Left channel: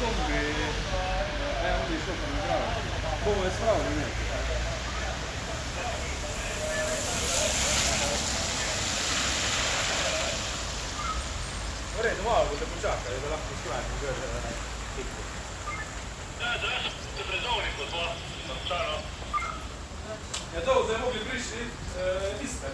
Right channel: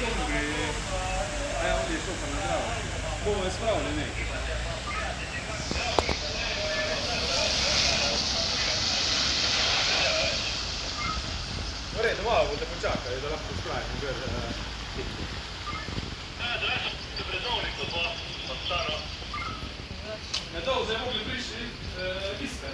zombie. Ja on je stoppen naar vrouw. Kom eens vrouw, niet. Vorrei nuovo, vuole bugiacca, della custodia, per tutto. Ja to, że mogli wyjść listę.